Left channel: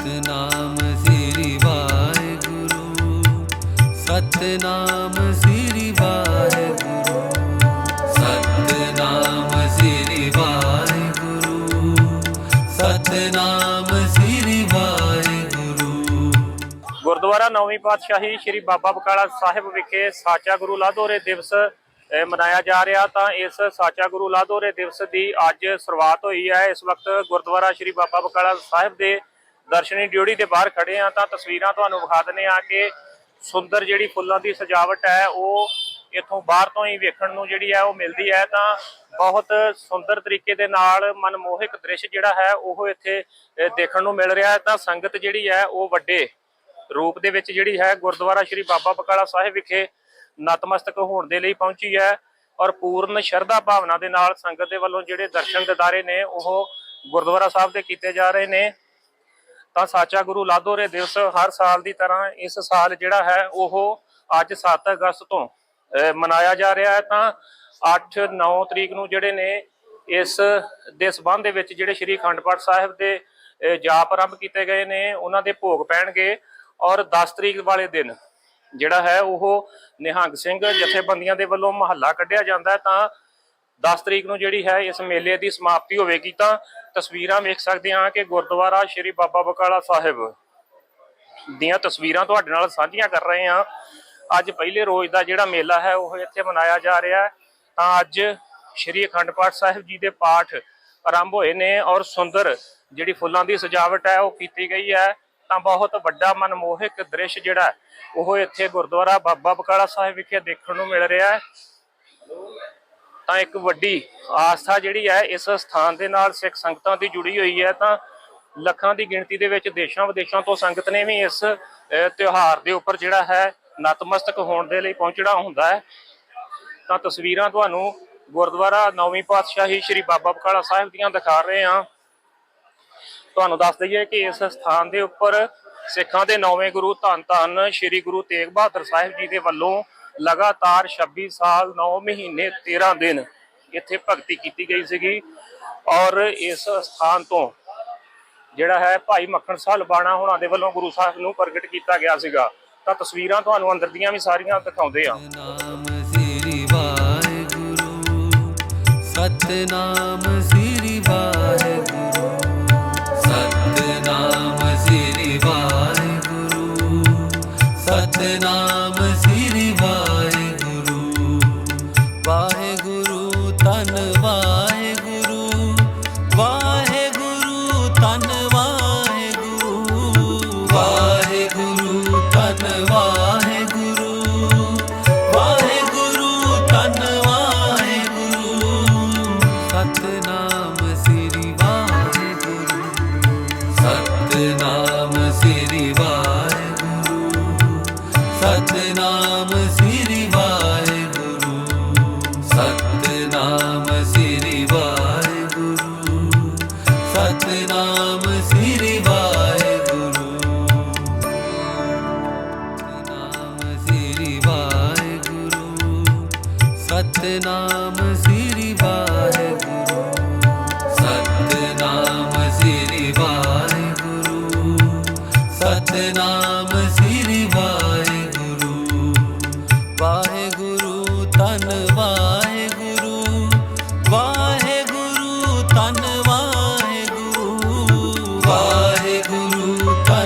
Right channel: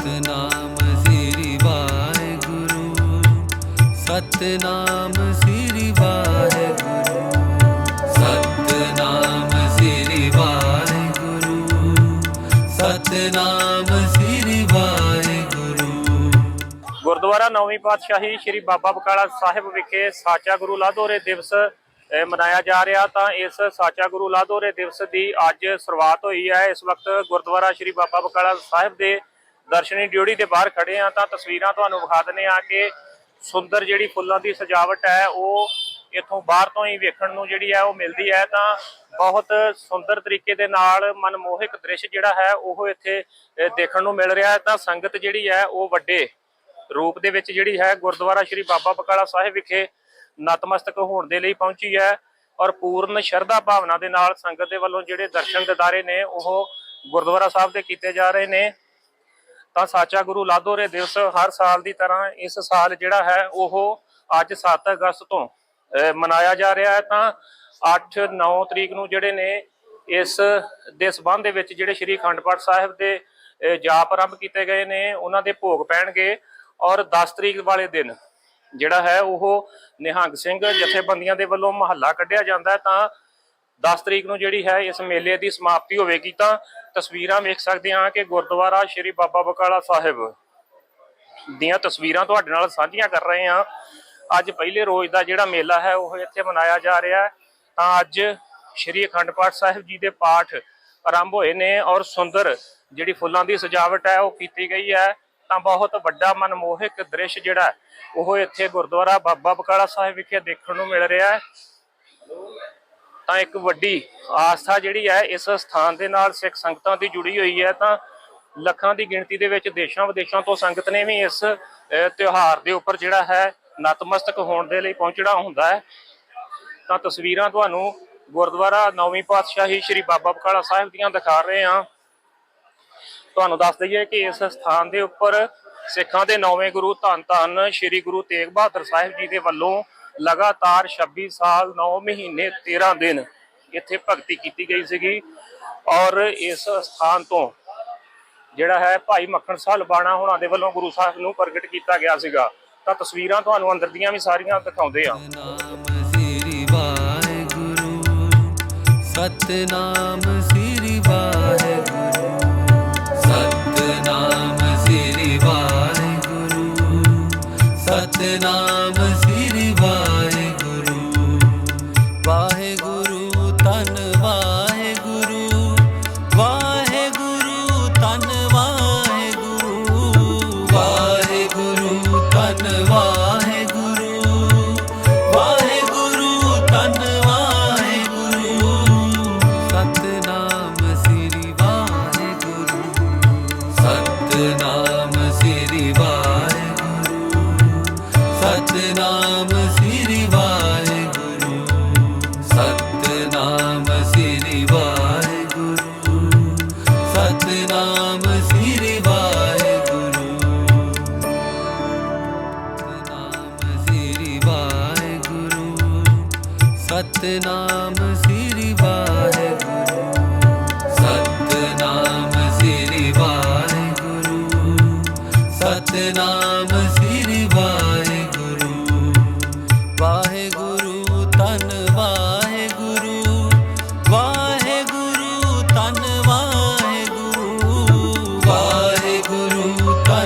ਸਤਨਾਮ ਸ੍ਰੀ ਵਾਹਿਗੁਰੂ ਸਤਨਾਮ ਸ੍ਰੀ ਵਾਹਿਗੁਰੂ ਸਤਨਾਮ ਸ੍ਰੀ ਵਾਹਿਗੁਰੂ ਸਤਨਾਮ ਸ੍ਰੀ ਵਾਹਿਗੁਰੂ। ਗੁਰਦੁਆਰਾ ਨੌਵੀਂ ਪਾਤਸ਼ਾਹੀ ਸ੍ਰੀ ਬਾਬਾ ਬਕਾਲਾ ਸਾਹਿਬ ਵਿਖੇ ਸਾਚਾ ਗੁਰੂ ਲਾਧੋਰੇ ਦਿਵਸ ਮਨਾਇਆ ਜਾ ਰਿਹਾ ਤਾਂ ਇਸ ਸਾਚਾ ਗੁਰੂ ਲਾਧੋਰੇ ਦਿਵਸ ਦੀ ਅੱਜ ਸ਼ੁਰੂਆਤ ਹੋਈ ਹੈ। ਇਸ ਵਕਤ ਗੁਰਦੁਆਰਾ ਸ੍ਰੀ ਬਾਬਾ ਬਕਾਲਾ ਸਾਹਿਬ ਦੇ ਦਰਸ਼ਨੀ ਡਿਊਟੀ ਦੇ ਬਾਹਰ ਖੜੇ ਆ ਤਾਂ ਤਸਵੀਰਾਂ ਤੁਹਾਨੂੰ ਵਿਖਾ ਦਿੰਦੇ ਆ ਕਿ ਸੁੰਦਰ ਜਿਹੜੀ ਫੁੱਲਾਂ ਦੀ ਸਜਾਵਟ ਹੈ, ਉਹ ਇੱਥੋਂ ਬਾਹਰ ਤੋਂ ਹੀ ਵੇਖਣ ਨੂੰ ਜਿਹੜੀ ਹੈ, ਉਹ ਮਿਲਦੀ ਹੈ। ਤਾਂ ਬਹੁਤ ਸੁੰਦਰ ਤਰੀਕੇ ਦੇ ਨਾਲ ਮਨਮੋਹਕ ਦ੍ਰਿਸ਼ ਜਿਹੜਾ ਹੈ, ਉਹ ਇੱਥੇ ਦੇਖਣ ਨੂੰ ਮਿਲ ਰਿਹਾ ਹੈ। ਤਾਂ ਸੰਗਤ ਜਿਹੜੀ ਹੈ, ਉਹ ਵੱਡੇ ਰੂਪ ਦੇ ਵਿੱਚ ਜਿਹੜੀ ਹੈ, ਗੁਰਦੁਆਰਾ ਸ੍ਰੀ ਬਾਬਾ ਬਕਾਲਾ ਸਾਹਿਬ ਵਿਖੇ ਨਤਮਸਤਕ ਹੋਣ ਦੇ ਲਈ ਪਹੁੰਚੀ ਹੈ ਔਰ ਪੂਰਨ ਸ਼ਰਧਾ ਭਾਵਨਾ ਦੇ ਨਾਲ ਸੰਗਤ ਦੇ ਵੱਲੋਂ ਜਿਹੜੇ ਦਰਸ਼ਨ ਦਿਦਾਰੇ ਨੇ, ਉਹ ਗੁਰਦੁਆਰਾ ਸਾਹਿਬ ਦੇ ਕੀਤੇ ਜਾ ਰਹੇ ਨੇ। ਤਾਂ ਸਾਚਾ ਗੁਰੂ ਲਾਧੋਰੇ ਦਿਵਸ ਹਰ ਸਾਲ ਦੀ ਤਰ੍ਹਾਂ ਇਸ ਸਾਲ ਜਿਹੜਾ ਹੈ ਉਹ ਅੱਜ 7 ਅਗਸਤ ਤੋਂ ਮਨਾਇਆ ਜਾ ਰਿਹਾ ਹੈ। ਤਾਂ 8 9 ਤਰੀਕ ਨੂੰ ਜਿਹੜੇ ਨੇ ਇਸ ਦੇ ਸਬੰਧ ਦੇ ਵਿੱਚ ਜਿਹੜੇ ਸ੍ਰੀ ਅਖੰਡ ਪਾਠ ਸਾਹਿਬ ਦੇ ਜਾਪ ਆਰੰਭ ਕੀਤੇ ਗਏ ਨੇ, ਉਹਨਾਂ ਦੇ ਭੋਗ ਪੈਣਗੇ। ਔਰ 10 ਤਰੀਕ ਵਾਲੇ ਦਿਨ ਜਿਹੜਾ ਹੈ ਉਹ ਨਿਹੰਗ ਸਿੰਘ ਜਥੇਬੰਦੀਆਂ ਦੇ ਵੱਲੋਂ ਮਹੱਲਾ ਕੱਢਿਆ ਜਾਂਦਾ ਤਾਂ 10 ਤਰੀਕ ਨੂੰ ਜਿਹੜੀ ਹੈ ਇਸ ਮੇਲੇ ਦੀ ਸਮਾਪਤੀ ਹੋਵੇਗੀ ਤਾਂ ਤਸਵੀਰਾਂ ਵੇਖ ਸਕਦੇ ਹਾਂ ਕਿ ਗੁਰਦੁਆਰਾ ਸ਼੍ਰੀ ਬਾਬਾ ਬਕਾਲਾ ਸਾਹਿਬ ਦੀਆਂ ਤਸਵੀਰਾਂ ਤੁਹਾਡੇ ਨਾਲ ਸਾਂਝੀਆਂ ਕਰ ਰਹੇ ਹਾਂ। ਅੱਜ ਪਹਿਲੇ ਰੋਜ਼ ਦਾ ਜਿਹੜਾ ਮੇਲਾ ਹੈ, ਉਹ ਇੱਥੇ ਮਨਾਇਆ ਜਾ ਰਿਹਾ ਹੈ। ਤਾਂ ਅੱਜ ਸ਼੍ਰੀ ਅਖੰਡ ਪਾਠ ਸਾਹਿਬ ਜੀ ਦੇ ਪਾਠ ਆਰੰਭ ਹੋਏ ਨੇ ਔਰ ਸੁੰਦਰ ਜਿਹੜੀ ਫੁੱਲਾਂ ਦੀ ਸਜਾਵਟ ਹੈ, ਉਹ ਕੀਤੀ ਗਈ ਹੈ। ਤਾਂ ਬਹੁਤ ਵੱਡਾ ਮਨਮੋਹਕ ਦ੍ਰਿਸ਼ ਜਿਹੜਾ, ਉਹ ਇੱਥੇ ਗੁਰਦੁਆਰਾ ਬਾਬਾ ਬਕਾਲਾ ਸਾਹਿਬ ਵਿਖੇ ਦੇਖਣ ਨੂੰ ਮਿਲ ਰਿਹਾ ਹੈ। ਤਾਂ ਇੱਕ ਵੱਡੀ ਆਸਥਾ ਜਿਹੜੀ ਹੈ, ਇਸ ਸਥਾਨ ਦੇ ਨਾਲ ਸਿੱਖ ਸੰਗਤਾਂ ਦੀ ਜੁੜੀ ਹੋਈ ਹੈ, ਤਾਂ ਲੱਖਾਂ ਦੀ ਗਿਣਤੀ ਦੇ ਵਿੱਚ ਦੇਸ਼ਾਂ ਵਿਦੇਸ਼ਾਂ ਤੋਂ ਸੰਗਤ ਨੇ ਵੀ ਇਸ ਤਿਉਹਾਰ ਦੇ ਉੱਪਰ ਜਿਹੜਾ ਹੈ, ਨਤਮਸਤਕ ਹੋਣ ਦੇ ਲਈ ਪਹੁੰਚਣਾ ਹੁੰਦਾ ਹੈ। ਤਾਂ ਤਸਵੀਰਾਂ ਤੁਹਾਨੂੰ ਗੁਰਦੁਆਰਾ ਨੌਵੀਂ ਪਾਤਸ਼ਾਹੀ ਸ੍ਰੀ ਬਾਬਾ ਬਕਾਲਾ ਸਾਹਿਬ ਦੀਆਂ ਦਿਖਾ ਰਹੇ ਹਾਂ। ਤੁਹਾਨੂੰ ਦੱਸ ਦਈਏ ਕਿ ਇਸ ਸਥਾਨ ਦੇ ਉੱਪਰ ਸਿੱਖਾਂ ਦੇ ਨੌਵੇਂ ਗੁਰੂ ਧੰਨ ਧੰਨ ਸ੍ਰੀ ਗੁਰੂ ਤੇਗ ਬਹਾਦਰ ਸਾਹਿਬ ਜੀ ਦੇ ਵੱਲੋਂ ਲਗਾਤਾਰ 26 ਸਾਲ 9 ਮਹੀਨੇ 13 ਦਿਨ ਇੱਥੇ ਭਗਤੀ ਕੀਤੀ ਗਈ ਸੀਗੀ ਔਰ ਇਸ ਸਥਾਨ ਤੋਂ ਜਿਹੜਾ ਹੈ ਭਾਈ ਮੱਖਣ ਸਾਹ ਲਬਾਣਾ ਹੋਣਾ ਦੇ ਵੱਲੋਂ ਗੁਰੂ ਸਾਹਿਬ ਨੂੰ ਪ੍ਰਗਟ ਕੀਤਾ ਗਿਆ ਸੀਗਾ। ਤਾਂ ਤਸਵੀਰਾਂ ਤੁਹਾਨੂੰ ਅੰਦਰ ਦੀਆਂ ਵੀ ਸਾਰੀਆਂ ਦਿਖਾਉਂਦੇ ਆ। ਨਾਮ ਸ੍ਰੀ ਵਾਹਿਗੁਰੂ, ਸਤਨਾਮ ਸ੍ਰੀ ਵਾਹਿਗੁਰੂ, ਸਤਨਾਮ ਸ੍ਰੀ ਵਾਹਿਗੁਰੂ, ਸਤਨਾਮ ਸ੍ਰੀ ਵਾਹਿਗੁਰੂ ਸਤਨਾਮ ਸ੍ਰੀ ਵਾਹਿਗੁਰੂ, ਸਤਨਾਮ ਸ੍ਰੀ ਵਾਹਿਗੁਰੂ। ਸਤਨਾਮ ਸ੍ਰੀ ਵਾਹਿਗੁਰੂ, ਸਤਨਾਮ ਸ੍ਰੀ ਵਾਹਿਗੁਰੂ, ਸਤਨਾਮ ਸ੍ਰੀ ਵਾਹਿਗੁਰੂ, ਸਤਨਾਮ ਸ੍ਰੀ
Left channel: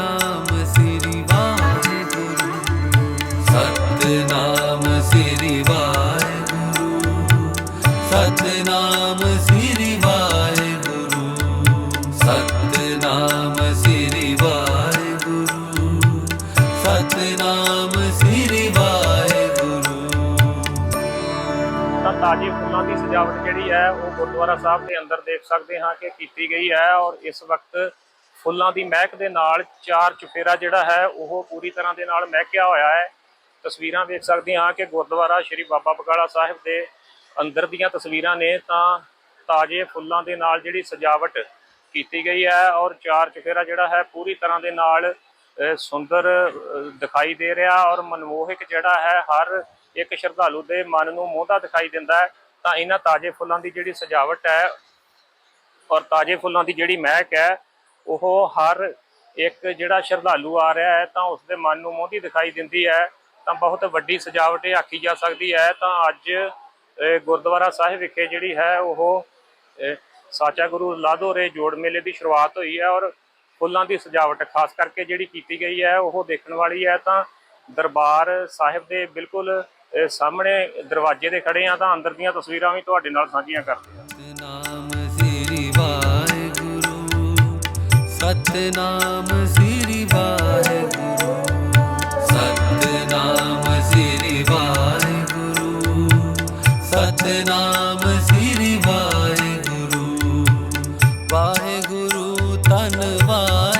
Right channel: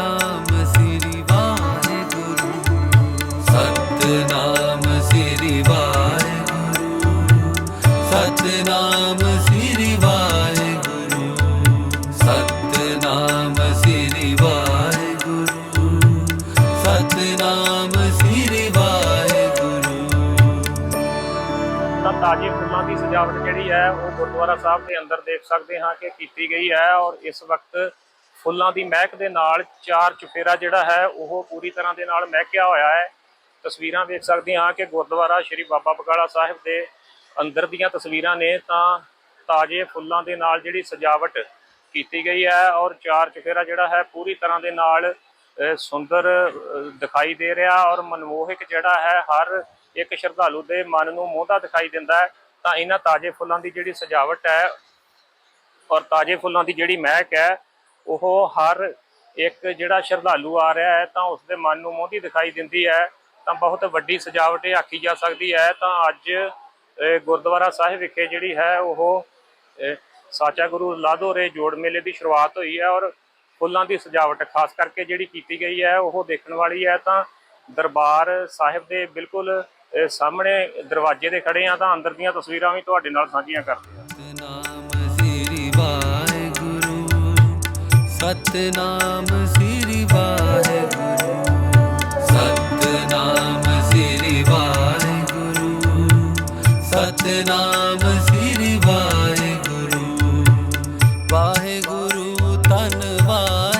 ਨਾਮ ਸ੍ਰੀ ਸਤਨਾਮ ਸ੍ਰੀ ਵਾਹਿਗੁਰੂ। ਤਾਂ ਤਾਜੇ ਫੁੱਲਾਂ ਦੀ ਸਜਾਵਟ ਜਿਹੜੀ ਹੈ, ਉਹ ਗੁਰਦੁਆਰਾ ਸਾਹਿਬ ਦੇ ਅੰਦਰ ਦੇਖ ਸਕਦੇ ਹਾਂ ਕਿ ਕੀਤੀ ਗਈ ਹੈ ਔਰ ਇਸ ਵਕਤ ਫੁੱਲਾਂ ਦੀ ਮਹਿਕ ਦੇ ਨਾਲ ਚਾਰ ਚੁਫੇਰਾ ਜਿਹੜਾ ਹੈ, ਉਹ ਪੂਰੀ ਤਰ੍ਹਾਂ ਦੇ ਨਾਲ ਮਹਿਕਿਆ ਹੋਇਆ ਹੈ। ਤਸਵੀਰਾਂ ਵੇਖ ਸਕਦੇ ਹਾਂ ਕਿ ਗੁਰਦੁਆਰਾ ਸ਼੍ਰੀ ਬਾਬਾ ਬਕਾਲਾ ਸਾਹਿਬ ਦੇ ਅੰਦਰ ਦੀਆਂ ਤਸਵੀਰਾਂ ਨੇ ਤਾਂ ਤਾਜ਼ੇ ਫੁੱਲਾਂ ਦੇ ਨਾਲ ਜਿਹੜੀ ਸਜਾਵਟ ਕੀਤੀ ਗਈ ਹੈ ਔਰ ਚਾਰ ਚੁਫੇਰਾ ਜਿਹੜਾ ਹੈ, ਪੂਰੀ ਤਰ੍ਹਾਂ ਦੇ ਨਾਲ ਸੁੰਦਰ ਦਿਖਾਈ ਦੇ ਰਿਹਾ ਔਰ ਮਨਮੋਹਕ ਜਿਹੜਾ ਹੈ, ਹਰ ਇੱਕ ਸ਼ਰਧਾਲੂ ਦੇ ਮਨ ਨੂੰ ਮੋਹਦਾ ਦਿਖਾਈ ਦਿੰਦਾ ਹੈ। ਤਾਂ ਇਹਨਾਂ ਤਾਜ਼ੇ ਫੁੱਲਾਂ ਦੀ ਜਿਹੜੀ ਸਜਾਵਟ ਹੈ ਔਰ ਤਾਜ਼ੇ ਫੁੱਲਾਂ ਦੀ ਜਿਹੜੀ ਮਹਿਕ ਹੈ ਉਹ ਹਰ ਇੱਕ ਜਿਹੜਾ ਸ਼ਰਧਾਲੂ ਆ ਰਿਹਾ ਹੈ ਤਾਂ ਉਸ ਦੇ ਮਨ ਨੂੰ ਮੋਹਦੀ ਦਿਖਾਈ ਦਿੰਦੀ ਹੈ ਤਾਂ ਬਹੁਤ ਵੱਡੀ ਸਜਾਵਟ ਇਹ ਆਖੀ ਜਾ ਸਕਦੀ ਹੈ। ਤਾਂ ਅੱਜ ਗੁਰਦੁਆਰਾ ਸਾਹਿਬ ਵਿਖੇ ਜਿਹੜੀ ਹੈ ਉਹ ਅਹ, ਸਾਚਾ ਗੁਰੂ ਲਾਧੋਰੇ ਜੋੜ ਮੇਲੇ ਦੀ ਸ਼ੁਰੂਆਤ ਹੋਈ ਹੈ ਔਰ ਫੁੱਲਾਂ ਦੀ ਸਜਾਵਟ ਖਾਸ ਕਰਕੇ ਜਿਹੜੀ ਕੀਤੀ ਗਈ ਹੈ ਉਹ ਦੇਖਣ ਵਾਲੀ ਹੈ। ਤਾਂ ਦਰਬਾਰ ਸਾਹਿਬ ਦੇ ਬਿਲਕੁਲ ਸਾਹਮਣੇ ਦਰਵਾਜ਼ੇ ਦੇ ਖੜੇ ਆ ਤਾਂ ਅੰਦਰ ਦੀਆਂ ਤਸਵੀਰਾਂ ਵੀ ਤੁਹਾਡੇ ਨਾਲ ਸਾਂਝੀਆਂ ਕਰਦੇ ਹਾਂ। ਸਤਨਾਮ ਸ੍ਰੀ ਵਾਹਿਗੁਰੂ ਸਤਨਾਮ ਸ੍ਰੀ ਵਾਹਿਗੁਰੂ। ਸਤਨਾਮ ਸ੍ਰੀ ਵਾਹਿਗੁਰੂ। ਸਤਨਾਮ ਸ੍ਰੀ ਵਾਹਿਗੁਰੂ। ਵਾਹਿਗੁਰੂ ਤਨ ਵਾਹਿਗੁਰੂ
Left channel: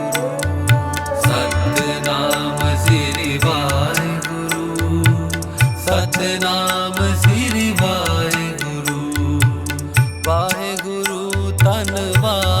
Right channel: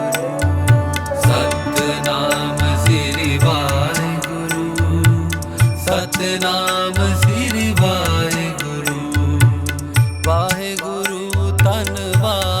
ਸਤਨਾਮ ਸ੍ਰੀ ਵਾਹਿਗੁਰੂ। ਵਾਹਿਗੁਰੂ ਧੰਨਵਾਦ।